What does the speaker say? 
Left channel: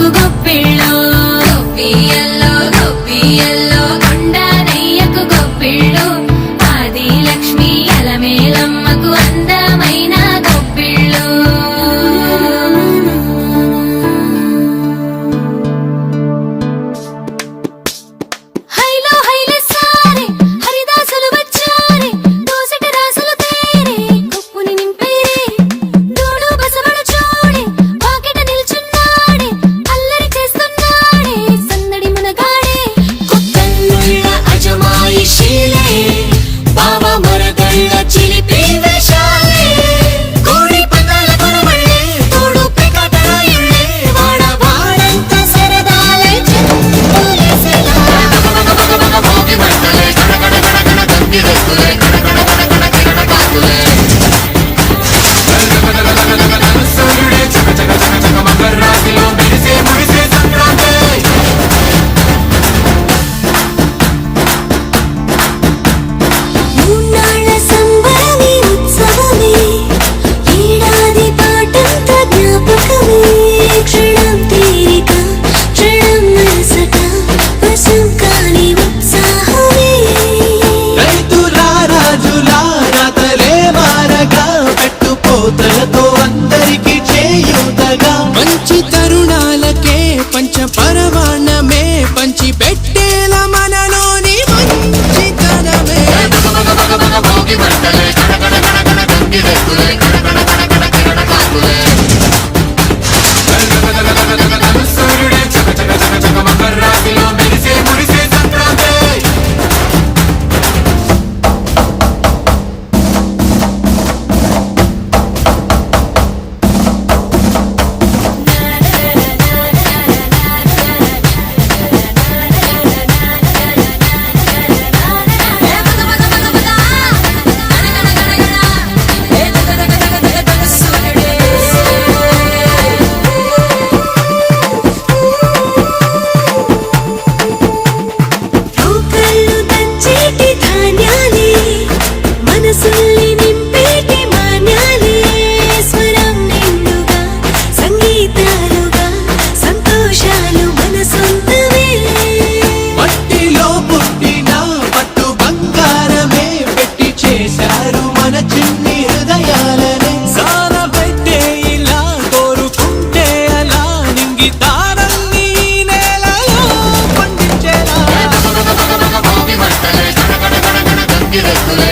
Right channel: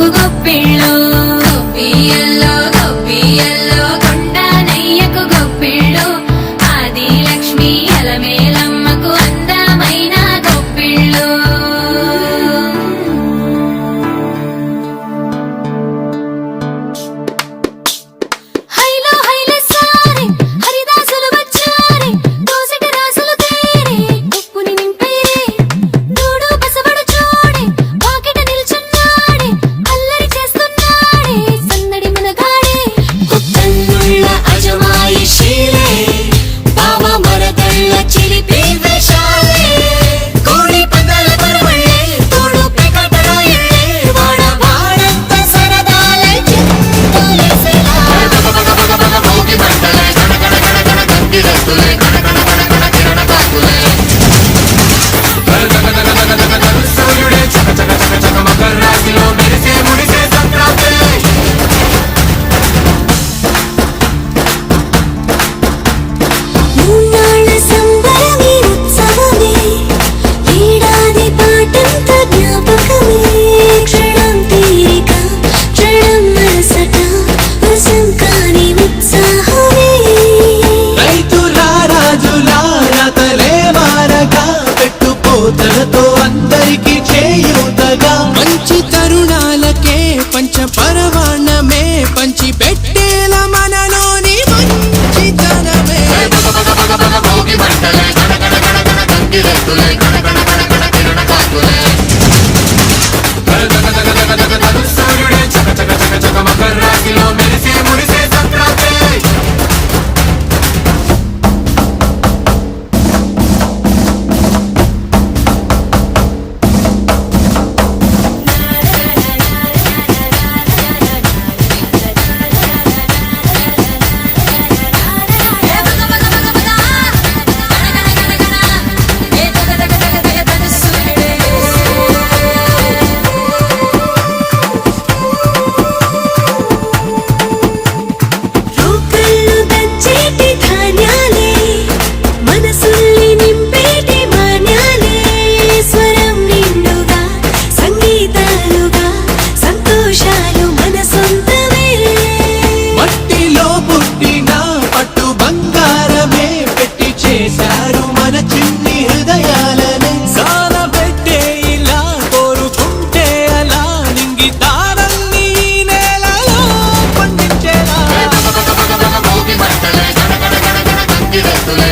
నయ్యకు గొప్పిళ్ళు గొప్పియల్లో గొప్పియల్లో కొండనయ్యకు గొప్పిళ్ళు ఆది లక్ష్మి అలమేలమ్మకు అందమైన గొప్పిళ్ళు హైలో హైలే సారే హరిదాసులు వచ్చారే దోసటి రాసులు తేరే గొప్పుని నింపేరే దూడు బసవడు చూడే వాకిట నిల్చున్నాడే అల్లరి చేస్తున్నాడే సందడి మనగాడే కొత్తన్నుళ్ళ అజమాయిషీలే బావ మరదళ్ళ చిలిపి వేషాలే కోడి పందాల పరమళ్ళే తోడు పెకటరాయళ్ళే వాడ వాడంత సరదాలై చెందులేసేలా భోగి మంటలే కణ కణ కణ కణ గంగిరెద్దులే కణ కణ కణ కణ కిరణ కాకులే సూర్యుడే చక చక చక చక మకర రాశిలో మెరిసే మురిసే సంక్రాంతి మూన్నాళ్ళ సంబరమే ఉత్సవమే ఏడాది పాటంత జ్ఞాపకమే క్షణం తీరిక క్షణం మనసట వశం కాని ఉత్సాహమే రైతుల రాజుల రాతలే మారగా పెట్టుపోతలతో అందరికి చేయూతగా మంచి తరుణాలకే పంచ పరవాణమే పంచి పెట్టేల మనలోని మంచితనమే భోగి మంటలే కణ కణ కణ కణ గంగిరెద్దులే కణ కణ కణ కణ కిరణ కాకులే సూర్యుడే చక చక చక చక మకర రాశిలో మెరిసే మురిసే సంక్రాంతి రోకళ్ళు దంచేటి ధాన్యాలే మనసుల్ని నింపేటి మాన్యాలే స్వరం నిండుగా సంగీతాలుగా సంతోషాలు మన సొంతమే మట్టిలో పుట్టిన పట్టు బంగారమే పెట్టి చేశారు మన చిన్ని హృదయాలనే సాన పెట్టే ఇలా కోరుకుంటే అలా నింగి తారల్ని నేలలో పండించేలా భోగి మంటలే కణ కణ కణ కణ గంగిరెద్దులే